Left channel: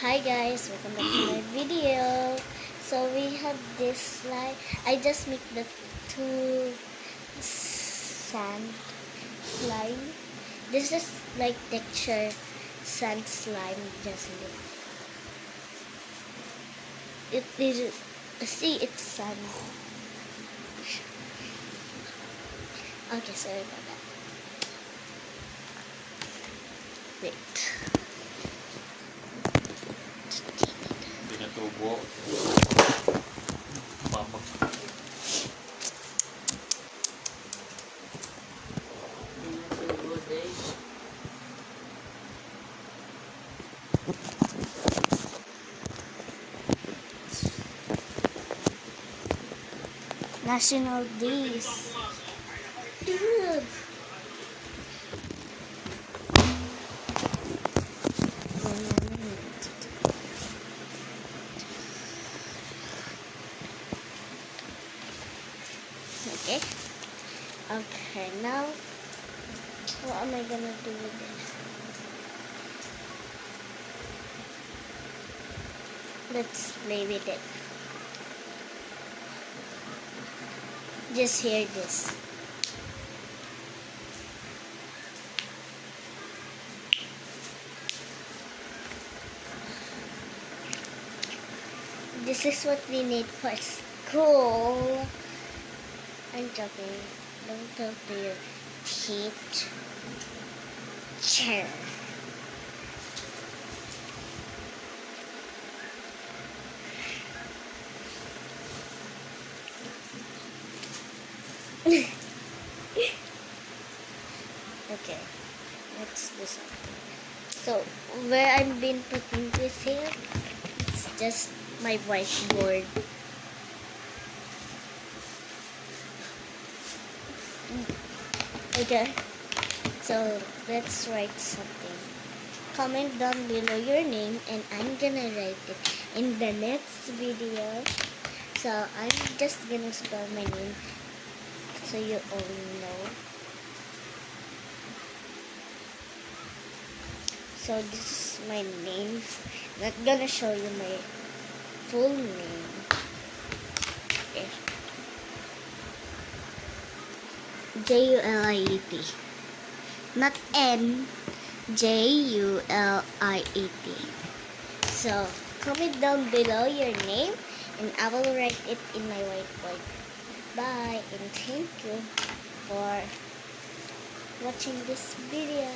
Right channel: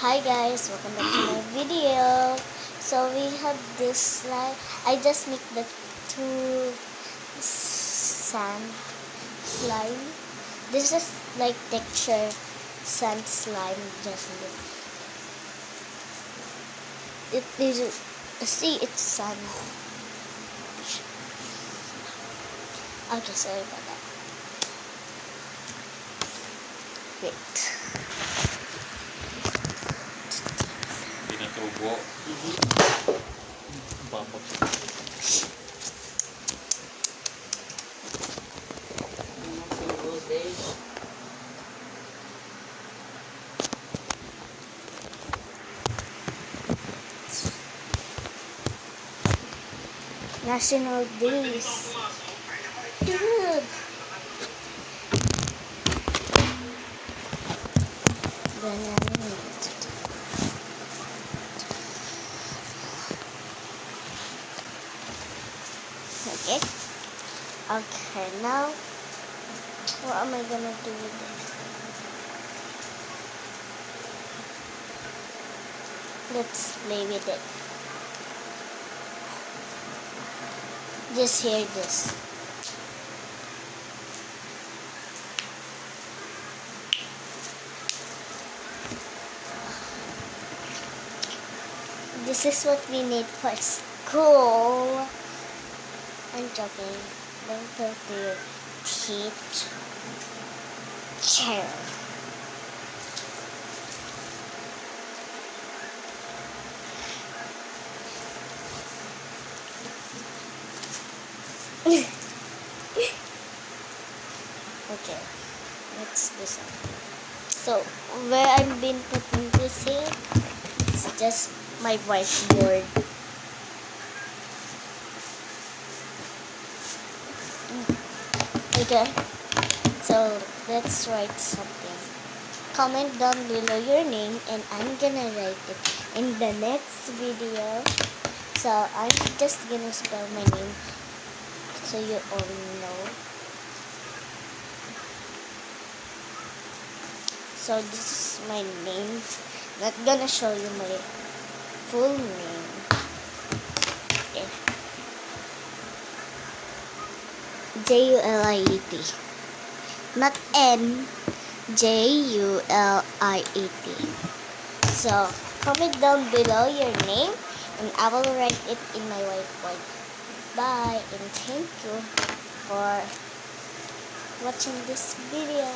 Hi guys, welcome back to my video. So we have this slime. I just make the two sand slime. This is like texture sand slime. Just look. It is see it's sand. Okay, sorry about that. Wait. Pinatubo. Papag. National Days. Dude. Okay. Okay, now what am I gonna do with this? Let's play with it. Just hear this. This is what we need for school. I'm joking. Don't talk to your teacher. Okay, let's do something. So, where I've been putting this here, it's just my whiteboard. Okay, so let's write something. Comment down below your name and I'm gonna write it in the next video. So I'm just gonna spell my name so you all know. So this is my name. Not gonna show you my full name. Okay. Juliet. Not N. Juliet. So comment down below your name and I will write it in my whiteboard. Bye and thank you for watching this video.